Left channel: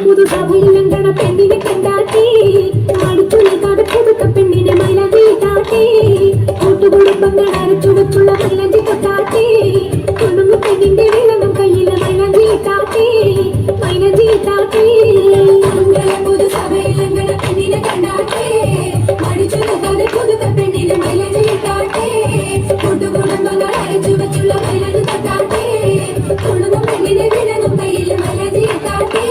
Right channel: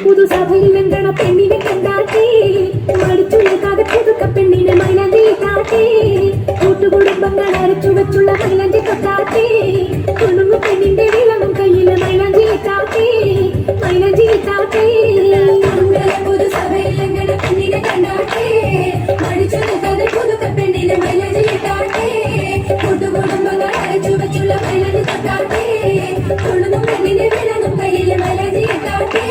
പുതു സഭയിലെങ്കട പെണ്ണിനെ കണ്ടാട്ടി മടിച്ചുനിൽക്കാതെ പുതുക്ക പെണ്ണിനെ മൈലഞ്ചി കാട്ടി കൂട്ടുകുടുംബങ്ങൾ അരച്ചു വെച്ചുള്ള മൈലഞ്ചി കാട്ടി കുടുംബ പെണ്ണിന്റെ വിളവും കയ്യിലെ മൈലഞ്ചി കാട്ടി പുതു സഭയിലെങ്കട പെണ്ണിനെ കണ്ടാട്ടി മടിച്ചുനിൽക്കാതെ പുതുക്ക പെണ്ണിനെ മൈലഞ്ചി കാട്ടി കൂട്ടുകുടുംബങ്ങൾ അരച്ചു വെച്ചുള്ള മൈലഞ്ചി കാട്ടി കുടുംബ പെണ്ണിന്റെ വിളവും കയ്യിലെ മൈലഞ്ചി കാട്ടി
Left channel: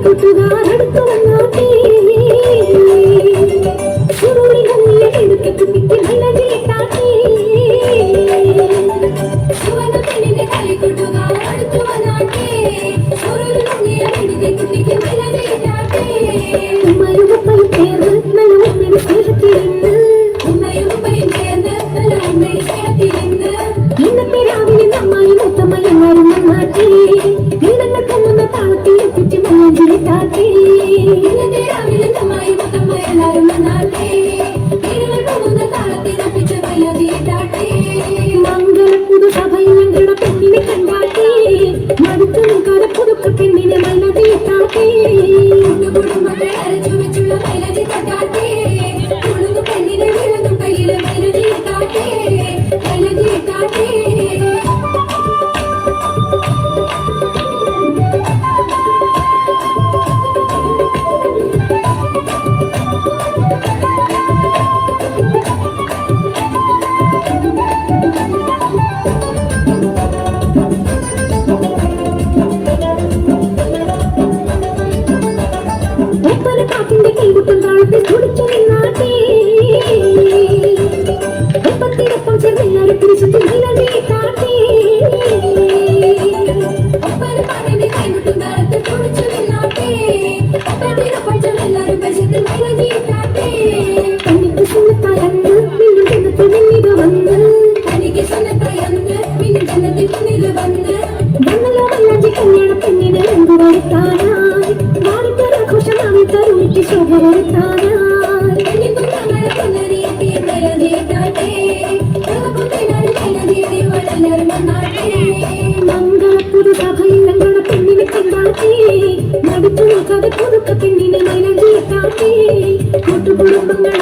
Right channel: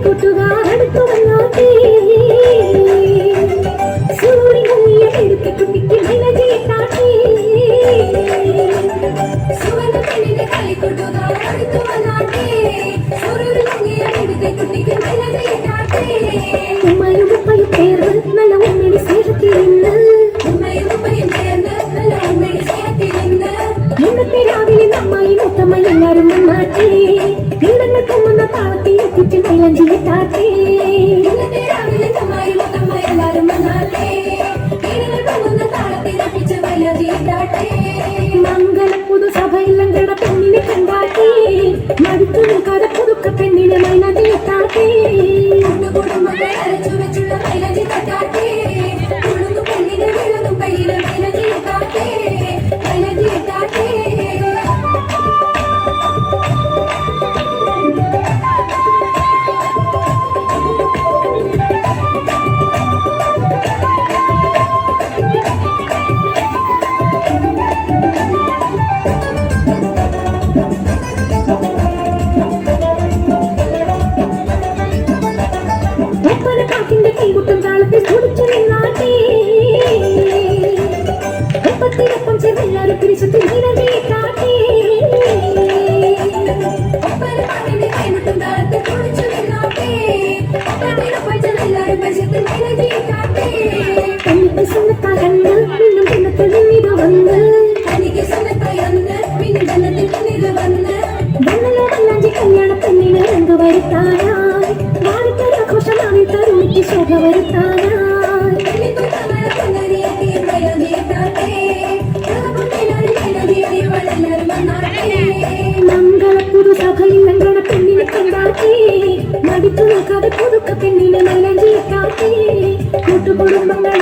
കൂട്ടുകാരടുത്തു വന്നാട്ടേ എടുത്ത് കുട്ടിക്ക് മൈലഞ്ചിട്ടാട്ടേ സുവർണ്ണ പെണ്ണിന്റെ കളിക്കൂട്ടുകാരടുത്തു വന്നാട്ടേ എടുത്ത് കുട്ടിക്ക് മൈലഞ്ചിട്ടാട്ടേ ഉമ്മയും ഉപ്പയും ചേർന്ന് നല്ല ഉമ്മയുടെ സ്നേഹത്തിലിന്ന് ഇന്നത്തെ രാവിലെ അമ്മായി മുത്തമ്മ എല്ലാവരും നന്നാട്ടേ ഇടന്നെ കൊമ്മുന്ന താളത്തിൽ എത്തിച്ച് മൈലഞ്ചിട്ടാട്ടേ ഇന്നത്തെ രാവിലെ അമ്മായി മുത്തമ്മ എല്ലാവരും നന്നാട്ടേ ഇടന്നെ കൊമ്മുന്ന താളത്തിൽ എത്തിച്ച് മൈലഞ്ചിട്ടാട്ടേ മംഗള പുതു സഭയിലെങ്കട പെണ്ണിനെ കണ്ടാട്ടേ മടുത്തു നിൽക്കാതെ പുതുക്ക പെണ്ണിനെ മൈലഞ്ചിട്ടാട്ടേ കുടുംബങ്ങളെ അരച്ചു വെച്ചുള്ള മൈലഞ്ചി കാട്ടാട്ടേ കുടുംബ പെണ്ണിനെ വിളങ്ങും കയ്യിലെ മൈലഞ്ചിട്ടാട്ടേ മൈലഞ്ചിട്ടാട്ടേ കാക്കിന്റെ കൈകുട്ടും കാലത്ത് കുടിച്ചു നിന്നാട്ടേ ഒപ്പത്തിനൊപ്പം ചെന്നെല്ലാരും പിരിച്ചിട്ട് മൈലഞ്ചിട്ടാട്ടേ കാക്കിന്റെ കൈകുട്ടും കാലത്ത് കുടിച്ചു നിന്നാട്ടേ ഒപ്പത്തിനൊപ്പം ചെന്നെല്ലാരും പിരിച്ചിട്ട് മൈലഞ്ചിട്ടാട്ടേ എനിക്ക് സുന്നത്തായെന്ന് വീണ്ടും ജന്നത്തിൽ മുന്നിൽ വന്ന് എനിക്ക് സുന്നത്തായെന്ന് വീണ്ടും ജന്നത്തിൽ മുന്നിൽ വന്ന് വന്നല്ലോ മൈലഞ്ചി കല്യാണ പെണ്ണിനെ രംഗു വരുത്താനായി ആഘോഷമായി തരുണിക്ക് ശോഭ വരുത്താനായി മംഗള പുതു സഭയിലെങ്കട പെണ്ണിനെ കണ്ടാട്ടി മടിച്ചു നിൽക്കാതെ പുതുക്ക പെണ്ണിനെ മൈലഞ്ചിട്ടാട്ടി കൂട്ടുകുടുംബങ്ങൾ